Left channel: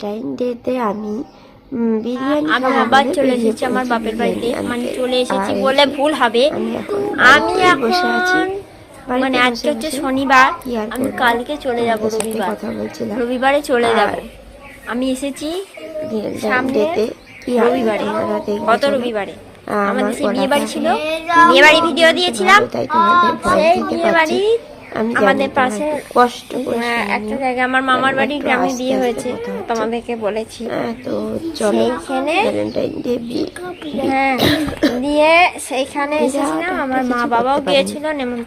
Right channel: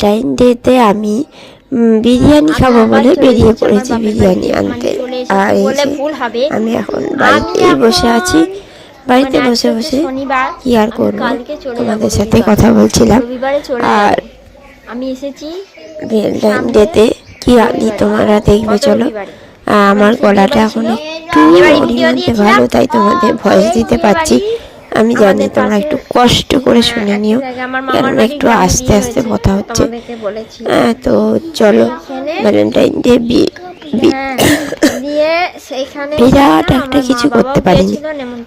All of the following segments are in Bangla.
ভ্যালেন্টাইন ডেতে আমি বিরিয়ানি খাবো বলে বেরিয়ে পড়েছি বিরিয়ানি আনতে। আর এই যে আমি এখন বাড়িতেই বসে আছি, বাড়িতে বসে বসে কি আর করবো, তোমাদের সাথে কথা বলছিলাম। আর আমি এসেছি ভ্যালেন্টাইন ডেতে কি আনি তোমরা দেখবে চলো। আমার গলাটা এখন একটু ভালো, তাই তোমাদের ভয়েস দিতে পারছি। আমি জানি তোমরা একটু কষ্ট করে শুনে নিও, একটু আস্তে আস্তে কথা হচ্ছে। তো চলো, ভ্যালেন্টাইন ডে বিরাট একটা কিছু করতে পারিনি,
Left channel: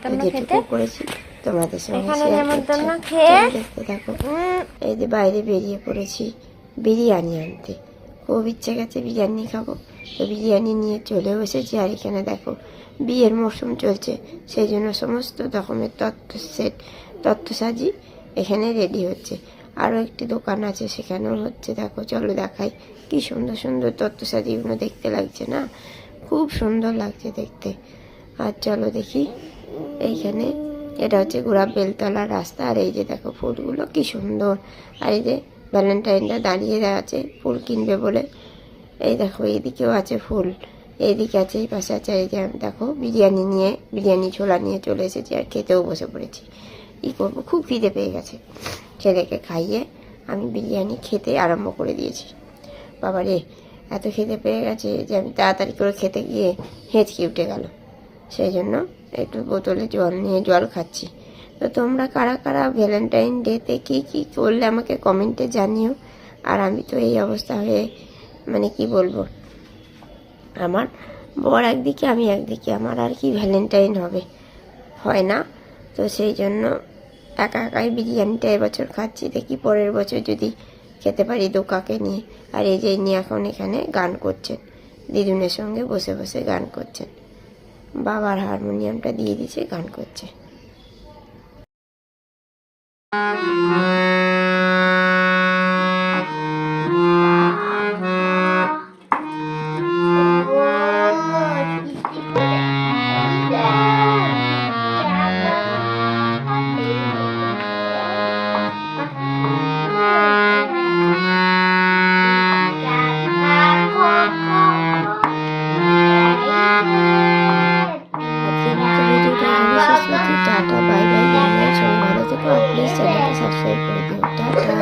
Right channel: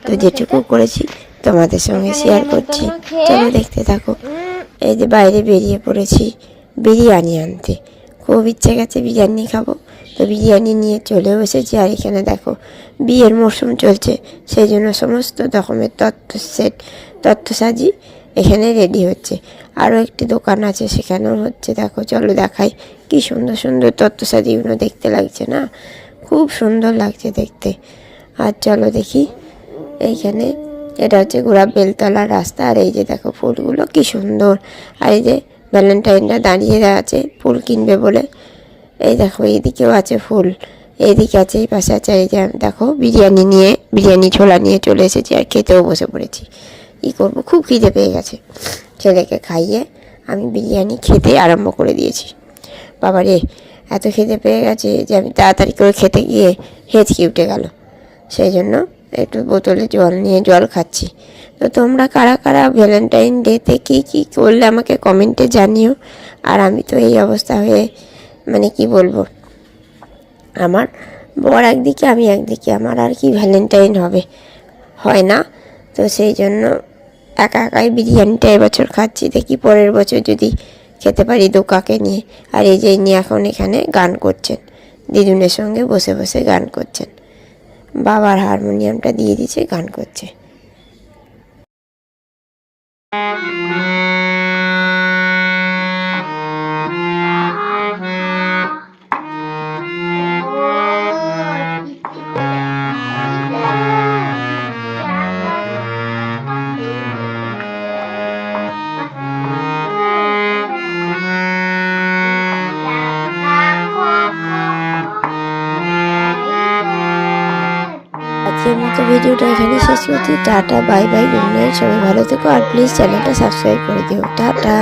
তো যেটুকু করেছি তোমাদের সঙ্গে শেয়ার করছি, চলো দেখতে থাকো। এই যে বাইরে বেরিয়ে পড়েছি বিরিয়ানি আনতে, খুব ইচ্ছে গেছে বিরিয়ানি খাবো, তো বিরিয়ানি নিয়ে চলেও এসেছি। আর এখানে দেখো বিয়ের মরশুম চলছে, সেই জন্য সমস্ত রকমের তত্ত্বসাজি এখানে রেডি হচ্ছে। আরও একটি দোকান আছে, সেখানেও হচ্ছে। দেখো চলো দেখাই, কি সুন্দর সুন্দর তত্ত্বসাজিগুলো দেখতে লাগছে না, খুব সুন্দর লাগছে দেখতে। আর চলো দেখি, এইখানে এটা হচ্ছে গোলাপ বেলতলার রাস্তা। আর এই যে দেখো ফুলগুলো কি সুন্দর। আর এই যে ভ্যালেন্টাইনটা দাঁড়িয়ে আছে ফুল কিনবে বলে। এই দেখো এইদিকেও আছে ফুল, এইদিকে আছে, এই পাশে আছে। এই যে দেখো বিরিয়ানি ছোলা নিয়ে চলে এসেছি আর খেতেও বসে পড়েছি। কী করবো, খুব খিদে পেয়ে গেছে। ছেলেকে খাইয়ে আমি বিরিয়ানি খেতে আরম্ভ করে দিয়েছি। বাবা রে, এত খিদে পেয়ে গেছে যে আমি তাড়াতাড়ি করে খেতে গিয়ে হেঁচকি উঠে গেল, সেই জন্য একটু বোতলে জল নিয়ে জল খাচ্ছি। তো তোমরা কারা কারা ভ্যালেন্টাইন ডেতে কী কী করলে আমাকে কমেন্টে জানিও। আর আমি তো এই অবস্থা হয়ে, মানে কি বলবো, আমার বর একদিকে আমি একদিকে, আমার আর কি ভ্যালেন্টাইন হয় না। তো সেই জন্য একা একাই বিরিয়ানিটা এবছর খাচ্ছি, দেখি পরের বছর যদি খেতে পারি দোকাকে নিয়ে। আর এই যে নিয়ে এখন এখানে গান করছেন, দিদুনের সঙ্গে বসে বসে গান করছেন, বাবার হারমোনিয়ামটা দিয়ে দিয়েছে, গান করছে। আজকের মতো ভিডিওটা এখানে শেষ করছি। Tata, bye bye, good night, সবাই ভালো থেকো। আর প্লিজ চ্যানেলটা সাবস্ক্রাইব করে দিও। টাটা।